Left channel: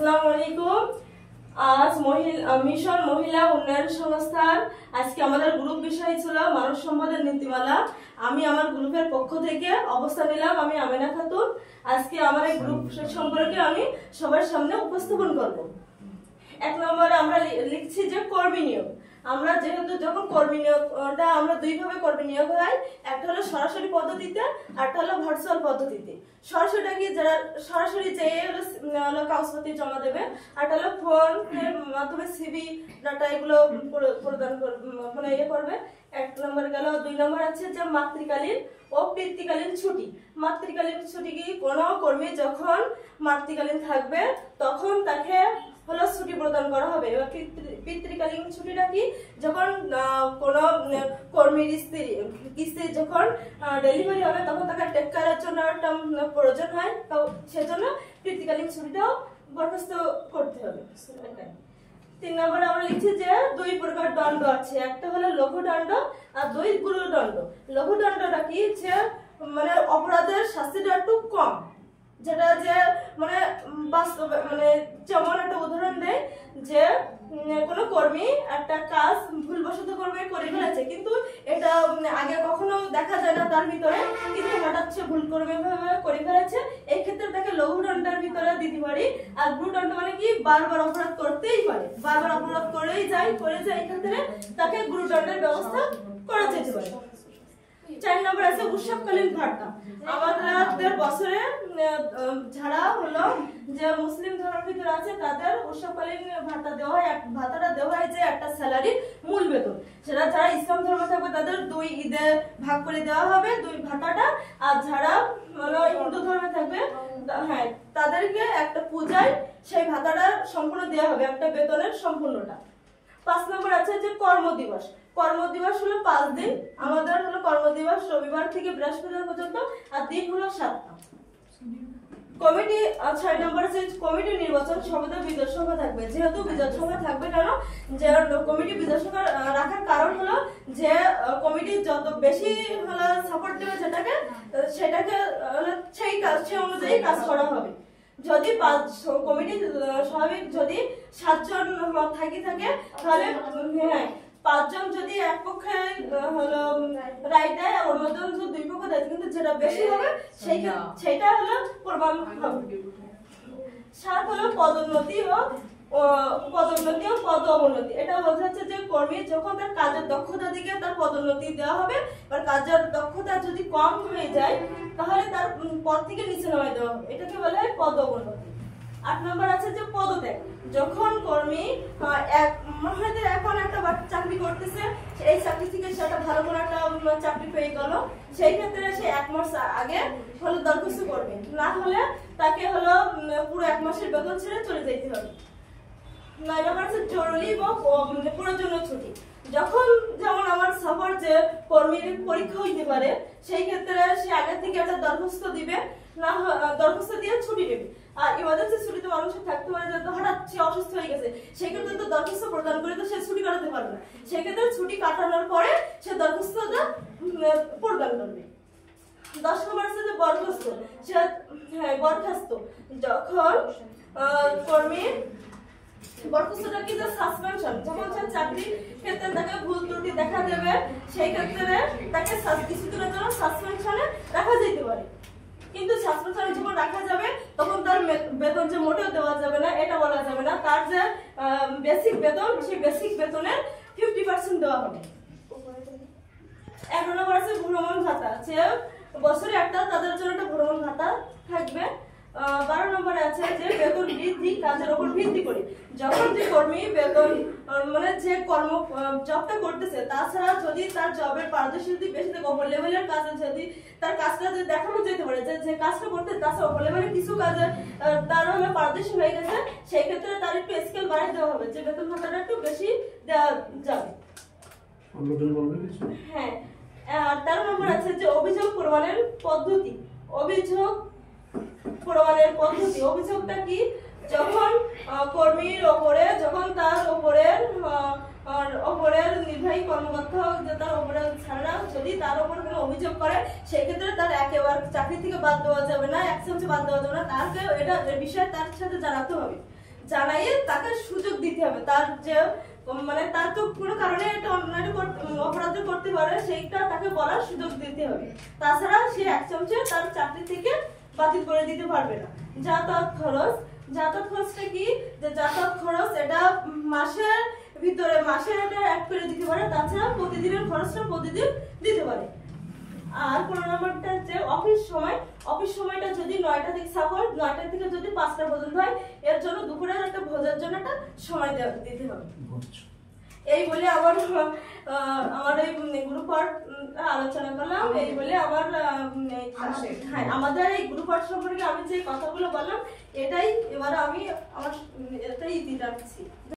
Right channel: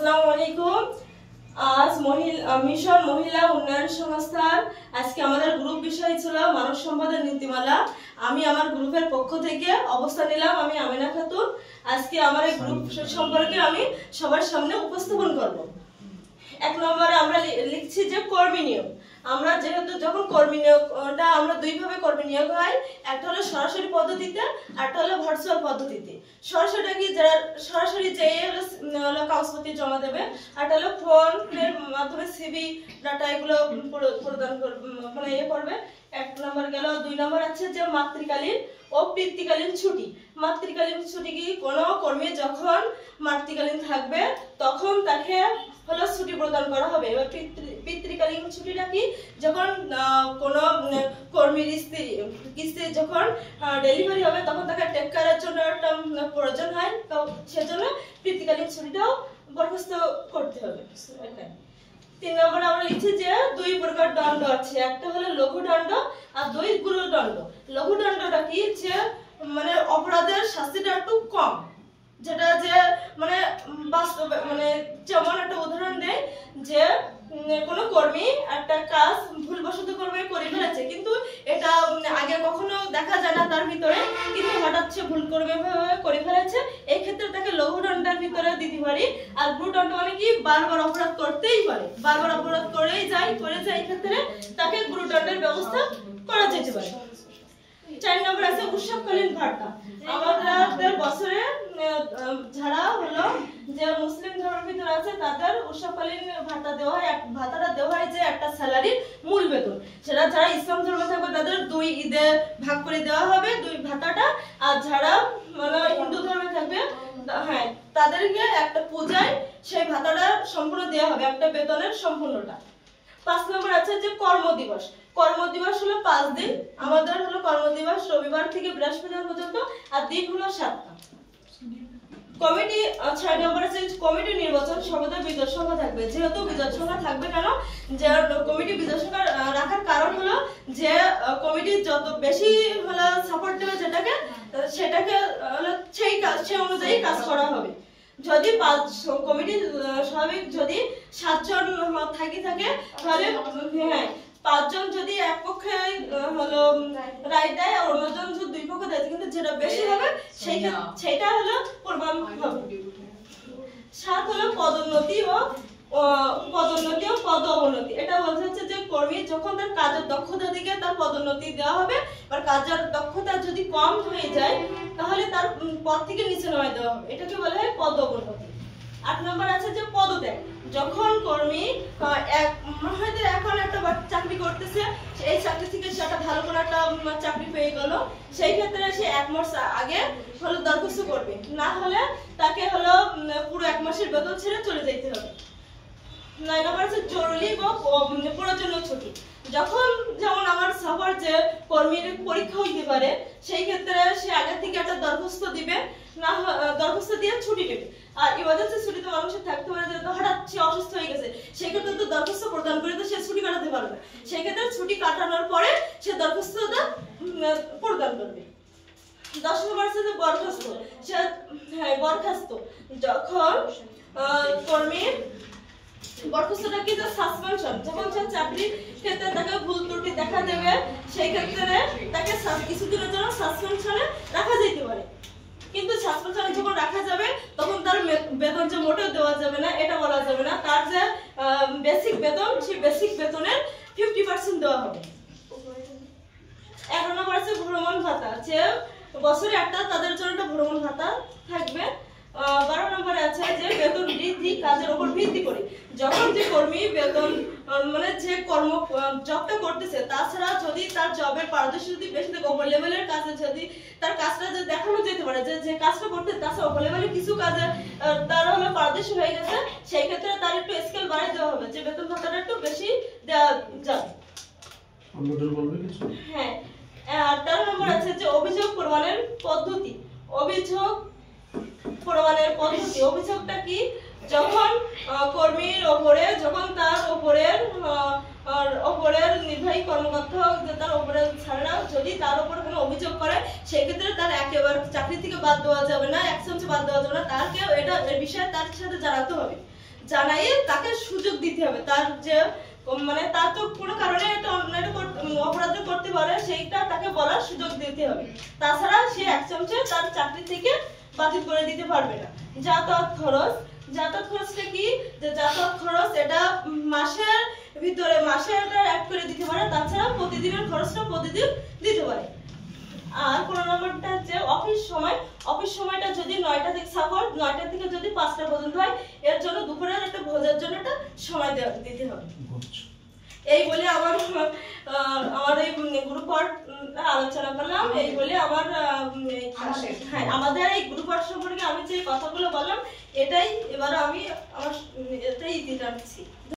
আসসালামু আলাইকুম। আজ মিশন মহিলা উন্নয়ন সংস্থার আজকে আমাদের গ্রুপ বিষয় ছিল মানব সম্পদের নীতিমালা। আমি আমার গ্রুপের পক্ষ থেকে অবস্থান নিলাম। আমি আমিনা খাতুন। আজকে আমার এই গ্রুপ সম্পর্কে আমি সবার সামনে উপস্থাপন করব। এক নম্বরে আমরা লিখছি যে কর্মী নিয়োগ। আমরা যেহেতু যখন কর্মী নিয়োগটা আমরা দুইভাবে কর্মী নিয়োগ হয়, একটা হলো সরাসরি পদ্ধতিতে, একটা হলো ভার্চুয়াল পদ্ধতিতে। সরাসরিটা কি, যারা সরাসরি যেয়ে হলো কাগজপত্র জমা দেবে, আর একটা হলো ফোনের মাধ্যমে সিভি ডাটা এগুলো প্রদান মানে করবে। এক নম্বর গেল। দুই নম্বর আছে যে মাতৃকালীন ও পিতৃকালীন ছুটি। মাতৃকালীন ছুটি কি, কোনো কর্মী যখন মাতৃকালীন থাকবে তখন তাকে হলো ছুটি প্রদান করা হবে। এবার পিতৃকালীন ছুটিটা কি, যখন কোনো কর্মীর স্ত্রী যখন ডেলিভারি হবে তখন তাকে টেক কেয়ারের জন্য একটা প্রয়োজন হয়, তো সেজন্য পিতৃকালীন ছুটিটাও বরখাস্ত করতে হবে। 3 নম্বরে আমরা লিখছি যে দুই প্রকার দণ্ড আছে, একটা হলো লঘুদণ্ড আর দুই গুরুদণ্ড। লঘুদণ্ডটা কি, যে মানে অপরাধের শাস্তিটা একটু কম, যেটা যে মানে বাস্তবে মানে যেমন একটা উদাহরণ দেয় যে কোনো কর্মী একটা কাজ ভুলবশত করে ফেলেছে, কিন্তু এটা আগে কখনো দেখা যায় না তার ভিতরে, কিন্তু হঠাৎ সে ভুল করে ফেলেছে, এই ক্ষেত্রে তাকে লঘুদণ্ডের ভিতরে দিতে পারি। আর গুরুদণ্ড মানে কি, বারবার অপরাধ করতেই পারে, বারবার অপরাধ করে যায়, এই ক্ষেত্রে তাকে গুরুদণ্ডের ব্যবস্থা করা যেতে পারে। 4 নম্বর আছে উৎসবকালীন ভাতা। আমাদের বছরে যারা হলো যে মুসলিম ধর্মের ভিতরে আছে তাদের উৎসবকালীন ভাতা দেওয়া হয়। ভাতাটা দেওয়া হয় যে একটা স্যালারির মূল বেতন। সেটা যারা ইসলাম ধর্মে থাকবে তাদের 2 ঈদে ভাগ করে দেওয়া হবে 2 ভাতাটা, আর যারা মানে হিন্দু ধর্মে থাকবে হ্যাঁ তাদেরকে একটা পূজায় সেই ভাতাটা সম্পূর্ণ দেওয়া হবে, একটা বেতনের সম্পূর্ণটা। 5 নম্বর আছে যে কর্মদিবস। কর্মদিবস হলো 5 দিন। আমাদের হলো কর্মদিবস রবিবার থেকে বৃহস্পতিবার পর্যন্ত, আর দিন হলো 7টা। কমিটি 6 নম্বর আছে কমিটি নির্বাচন। সর্বদা বিজয় সংখ্যা থাকবে। যেহেতু বিজয় সংখ্যা থাকবে কেন, যে কমিটি বিজয় সংখ্যা রাখার কারণ হলো যে কমিটি যত বেশি হলো সাপোর্ট দেবে সেটাকে সেই অনুযায়ী কাজ করা হবে। যদি কমিটি স্বাভাবিক যদি 7 জন থাকে তাহলে হ্যাঁ 5 জন যদি এক পক্ষে হলো রায় দেয় আর অন্যজন যদি 2 পক্ষে দেয়, কিন্তু যেটা বেশি হবে সেইটা হলো প্রমাণ হবে। 7 হলো পদোন্নতি ও পদ অবনতি। এটা বলতে হচ্ছে যে কর্মী যখন তার কাজের দক্ষতা দিকে তার পদোন্নতি দেওয়া হবে, আর কাজের দক্ষতা যদি কম হয়ে যায় তাহলে তার পদ থেকে নিচে নামিয়ে দেওয়া হবে, এটাকে বলা হয় পদ অবনতি। 8 নম্বর আছে যে পদত্যাগ। যখন কর্মী হয়তো এখন একটা চাকরি করতেছে, এই চাকরি থেকে সে একটা ভালো করে একটা চাকরি পেয়ে গেল, সেই ক্ষেত্রে সে 1 মাস আগে হলো দরখাস্ত করবে, না হলে তাকে হলো পুরো 1 মাসের বেতন ছেড়ে চলে যেতে হবে। 9 নম্বর আছে জরুরি বা প্রয়োজনীয় ছুটি। যখন যেমন আমার সবার যে কর্মীর পরীক্ষা হইতে পারে, সেই ক্ষেত্রে সে আগে থেকে একটা দরখাস্ত দিবে, না দরখাস্ত দিয়ে ছুটি নেবে। আর ইমার্জেন্সি ছুটিতে মানুষের থাকতে পারে যে হঠাৎ সে অসুস্থ হয়ে গেছে, সেই ক্ষেত্রে তো দরখাস্ত প্রদান করে তো সে ছুটি কাটাতে পারবে না, সেই ক্ষেত্রে ছুটি কাটানোর পরে সে দরখাস্তটা প্রদান করবে। 10 নম্বর আছে যে বরখাস্ত। বরখাস্ত যখন কর্মীর বরখাস্তটা কি, যে সাসপেনশন। যখন সে চাকরির ক্ষেত্রে তাকে ভুল ত্রুটি দেখা দেবে, সেই ক্ষেত্রে তাকে কিছুদিনের জন্য সাসপেনশনে রাখা যেতে পারে, কিন্তু সাসপেনশনে যখন রাখা যাবে তখন তার বেতন যে মোটেও দেওয়া যাবে না, এটা বলা যাবে না। তার যে বেসিক বেতন, সেই বেসিক বেতনের 50% দেওয়া হবে। 11 নম্বর আছে ভ্রমণ ভাতা। যে বছরে একটা তাদের জন্য একটা ভ্রমণ ভাতা থাকবে। 12 নম্বরে আছে যে বেতন বৃদ্ধি কাজের উপর ভিত্তি করে। যখন যে কর্মী বেতন মানে যে জবটা করতেছে, তাছাড়া যদি তার জবের পারদর্শী যদি বেশি থাকে, ওপর লেভেলের কাজে যদি তার কাজটা যদি দেখানো যেতে পারে যে কাজটা করতে, তাছাড়া ওপর লেভেলের কিছু কাজে তার হলো পারদর্শী হয়ে গেছে, সেই ক্ষেত্রে তার একটু স্কেল বাড়িয়ে দেওয়া হবে, যে বেতন ভাতাটা একটু বেশি দেওয়া যাবে। হ্যাঁ। আর 13 নম্বর আছে যে অভিযোগ প্রমাণের পদ্ধতি। অভিযোগটা কি, যখন কর্মীর ওপরে, যখন তার ওপরের নির্বাহী কর্মকর্তা তার ওপরে ছাড়া যদি তার উপর কোনো অভিযোগ করে, সেক্ষেত্রে তার একেবারে চাকরি থেকে বাদ দেওয়া যাবে না, একসঙ্গে বাদ দেওয়া যাবে না, তাকে এটা বিষয়ে তার সাথে জানাতে হবে। জানাইয়ে তাকে সুযোগ দিতে হবে। তার যে মানে তার তো কোনো কারণে একটা অন্যায় অপরাধ করতে পারে, সেইটা তাকে বলার সুযোগ দিতে হবে। তাছাড়া সে এক চামচে তার চাকরি থেকে বাতিল করে দিতে পারবে না। যাতায়াত খরচ, যাতায়াত খরচটা কি, যে যাতায়াত খরচ এটা মাসের ভিতরে মাসে এটা অ্যাড করে দিতে পারে, তাছাড়া প্রতিদিনের খরচটা প্রতিদিন দিতে পারে। আর 15 নম্বরটা হচ্ছে অফিস সময়টা যদি 9টা থেকে সাপোজ 9টা থেকে যদি 5টা পর্যন্ত হয়, এর জন্য দুপুরের একটা ভোজের জন্য একটা সময় দিতে হবে। এই বলে আমার এই গ্রুপ ওয়ার্ক আলোচনা করলাম। এই বলে আমার হ্যাঁ আমাদের এই গ্রুপ ওয়ার্ক সম্পর্কে আমি যে কথাগুলো বললাম এটাই এবার আমি আমার এটাই দিতে চাচ্ছি।